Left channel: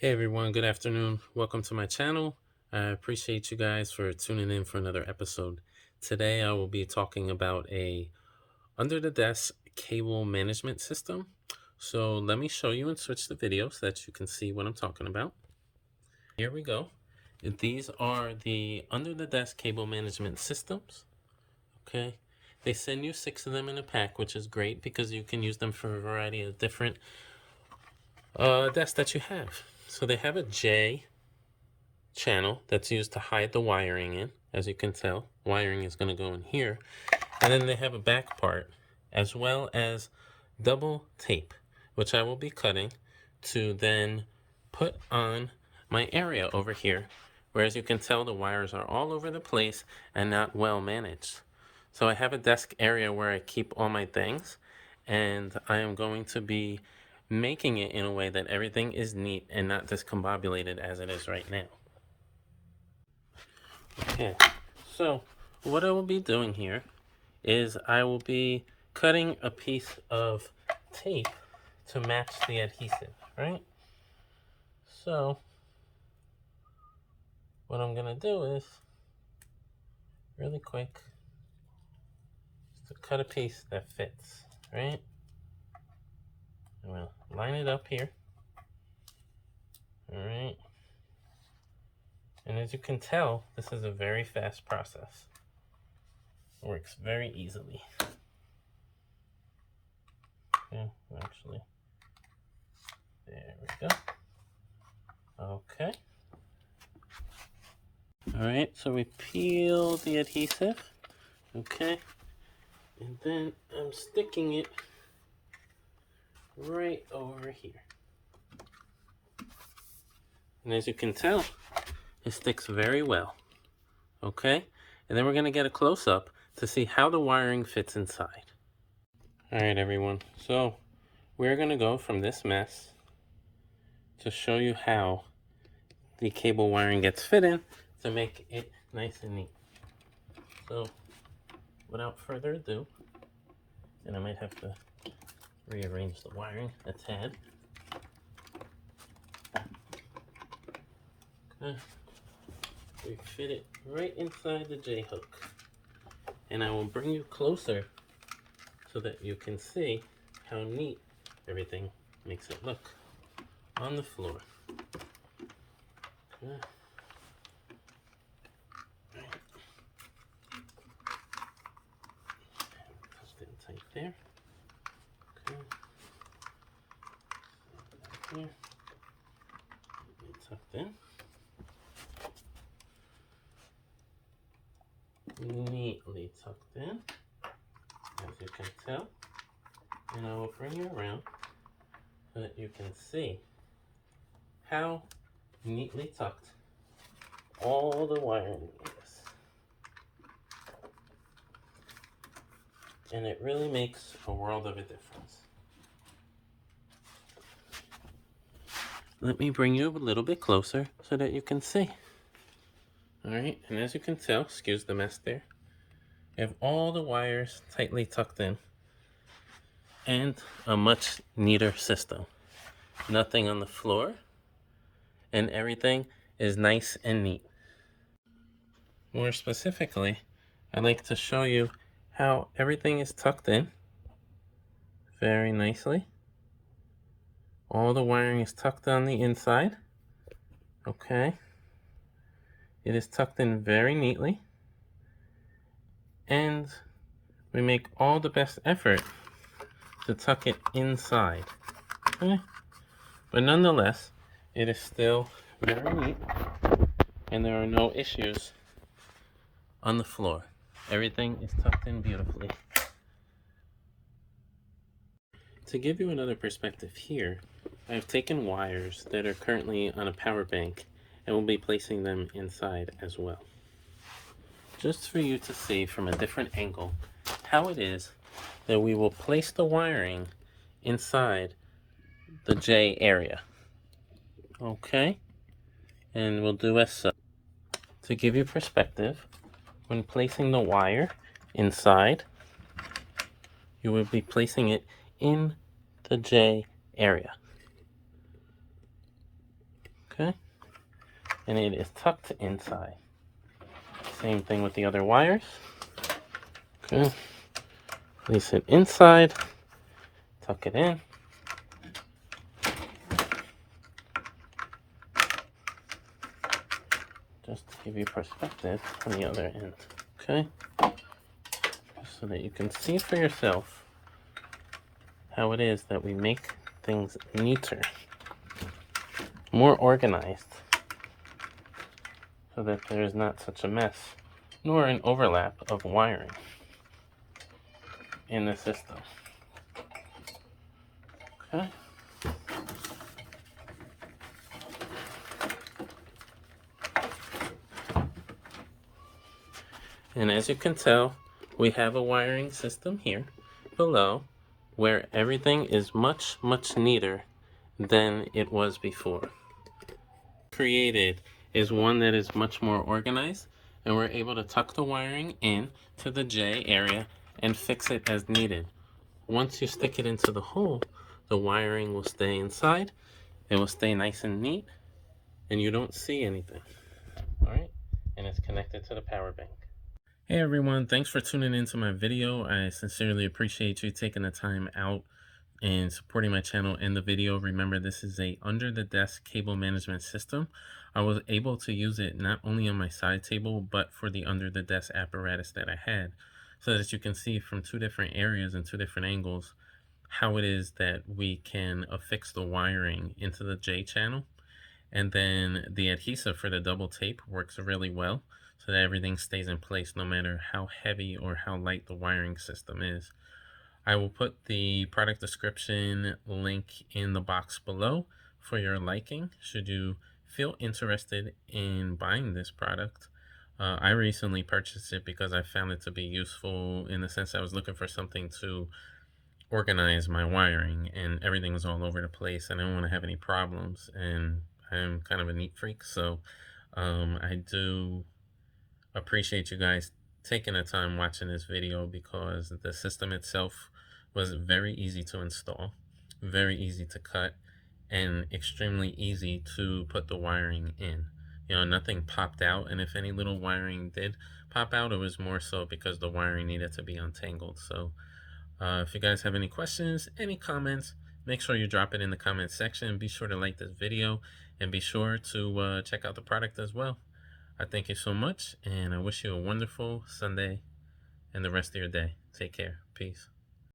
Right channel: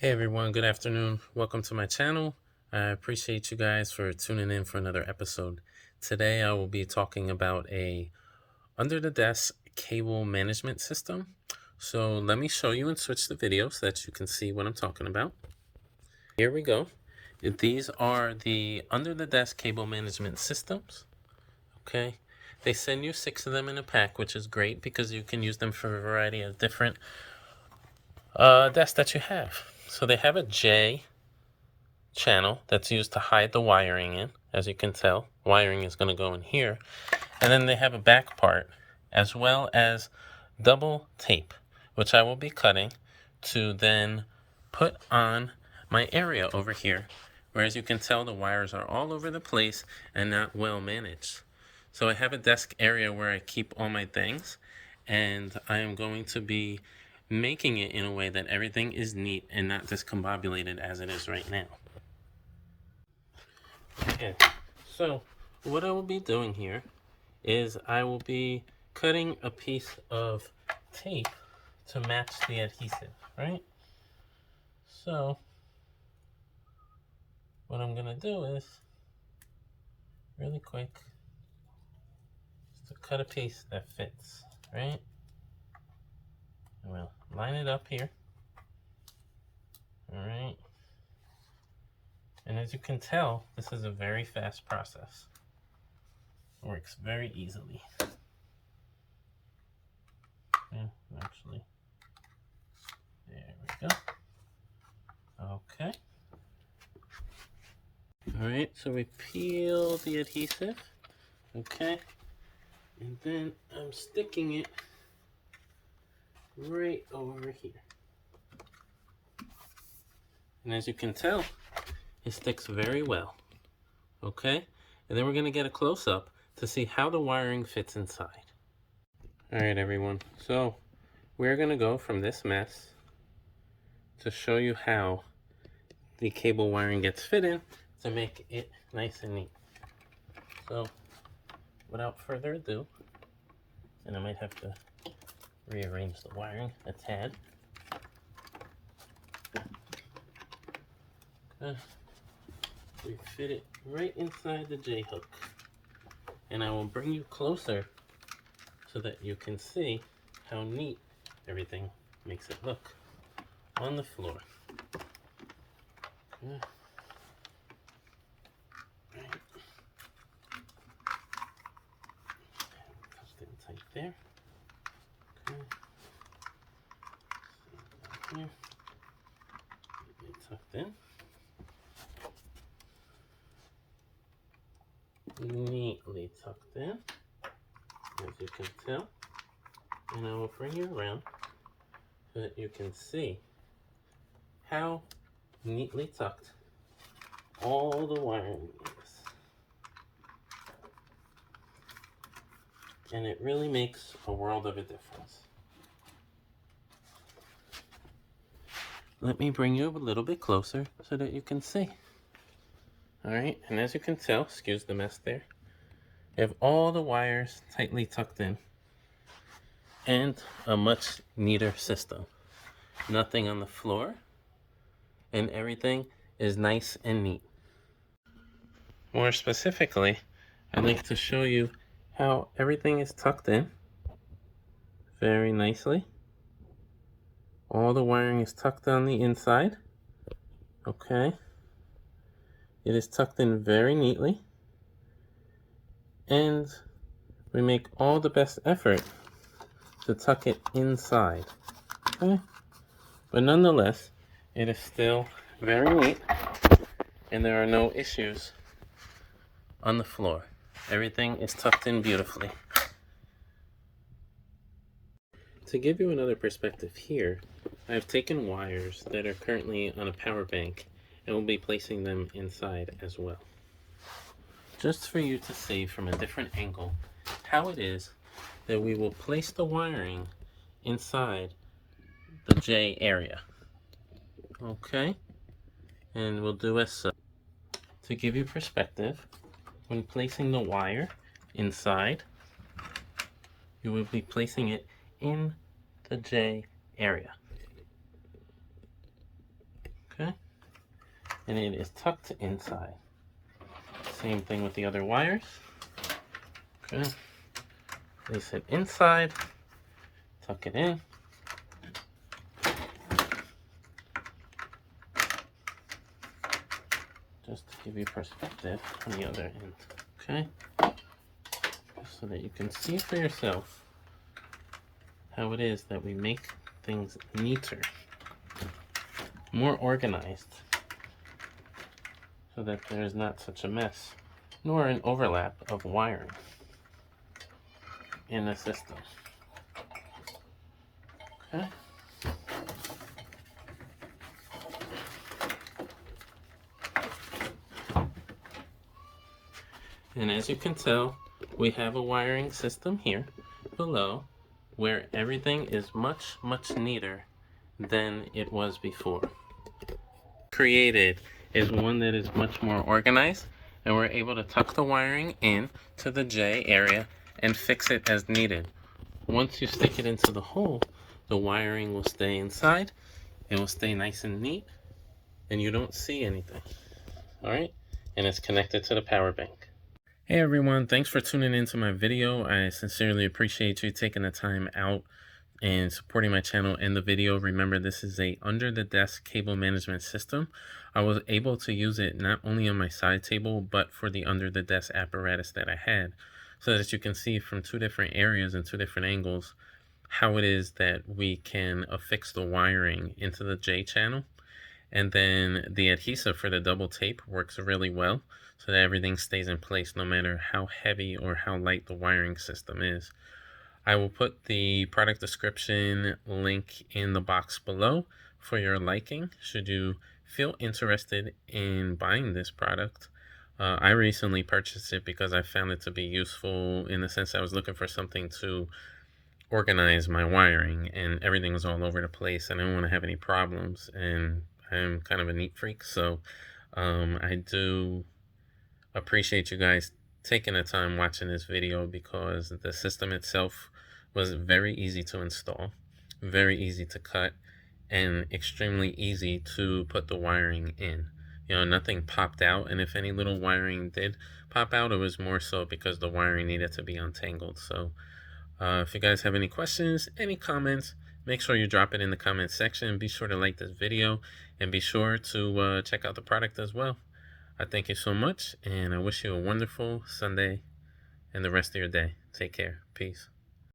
Hey everyone, good afternoon. Welcome to my channel. I appreciate you guys for tuning in for another episode. Today I will be talking about a under the desk cable management system. So let me show you and switch the video so that you can see what I'm talking about. Here we go. These are the under the desk cable management systems. Okay. They send you 6 of them in a pack, which is great because you can use them for a variety of different desks that you have. So they have a J channel that's used to hide the wiring in. As you can tell, wiring is going to go in here. And then they have a back part as well as double tape, which I will be cutting to then put on my area over here, where as you can tell the wires are all over the place and not well managed. So I have a desk area where I keep all my things, and I am going to be making it in a way that everything is neat and not discombobulated as it is right now. Okay, so what I will be doing here is I will be cutting a piece of tape to match the adhesive, right? So what I'm gonna do is really quick to cut a piece that fits, right? And we'll line it up here, all right? And as you can tell, this is a very fast process. It works very easily. Yeah, actually, there we go. Okay. All right, so we peel the adhesive, okay? And then I'm sticking it right over here. And as you can tell, it sticks very well, okay? And then we're gonna get a close-up to see how the wiring fits inside. All right, everyone, so we're gonna go from this mess to show you how the cable wiring gets fit in to make it nice and neat. So without further ado, and I might have to rearrange the wiring a tad. We fit it right inside the J-hook. And I will bring you closer so that you can see how neat everything makes it look on the floor. Okay. Right. Press it tight there. Okay. So here. Get it tucked in. Neatly tucked in, as you can tell. And I will bring you around so that you can see how neatly tucked all the wiring is. And it really makes a world of a difference. Let me bring you a little bit closer so that you can see. All right, and as you can tell, excuse the mess there, you have all the wires tightly tucked in and a much neater system. Nothing on the floor, and everything is nice and neat. More specifically, I'd like to show you how everything is tucked in very nicely. All the wiring is tucked on the inside. Okay. It is tucked in very neatly. And we make all the best effort to tuck it inside. Okay. But nonetheless, it is still very neat and there are no issues on the floor. Everything is tucked in beautifully. To give you another perspective here, I've taken wires that are currently on a power bank and will be placing them inside as well. Just for you to see from a different angle how it is that we will place the wiring inside the J area. Okay, and we'll do as such. To give you perspective, when placing the wire inside, you will be placing it in the J area. Okay, and it is tucked inside. Same thing with the other wires. Okay, place it inside, tuck it in. Just to give you perspective on the other end. Okay, so that you can see for yourself how it is that we make things neater, more organized, so that there is not such a mess, nor an overlap of wiring in the system. Okay. And as you can tell, we have a wiring system here below where everything is much, much neater than it was before. Created is one that is much more organized, and we're able to tuck the wiring in to the J area and fix it as needed. Once you stick it into the hole, the wiring will stay inside. It will stay nice and neat, and you don't see anything. All right, and it's connected to the power bank. Hey everyone, thanks for tuning into my video. I sincerely appreciate you taking the time out and supporting my channel and the video. Remember, this is a under the desk cable management system. I was able to use it not only on my side table, but for the under the desk apparatus that I had, so that you can see from two different areas and two different angles how it is that we can affix the wiring into the J channel. And then the adhesive for the double tape works really well, so that everything stays in place no matter how heavy or how light the wiring system is. I will put the product description link in the box below for your liking, should you feel interested in buying this product. I recently purchased it because I found it to be useful in the sense I was looking for something to organize my wiring, and everything was all over the place and I didn't want to have any problems, and I'm kind of a neat freak, so I do appreciate you guys taking the time watching this video, because the system itself was very easy to install, very easy to cut, and extremely easy to put the wiring in. You know, nothing popped out, and if any little wiring did pop out, it was more so because the wiring needed to be untangled. So if you guys have any questions, any comments, make sure you drop it in the comment section. Be sure to like this video and be sure to check out the product as well. I thank you so much, and I wish you a wonderful Sunday and the rest of your day. Take care. Peace.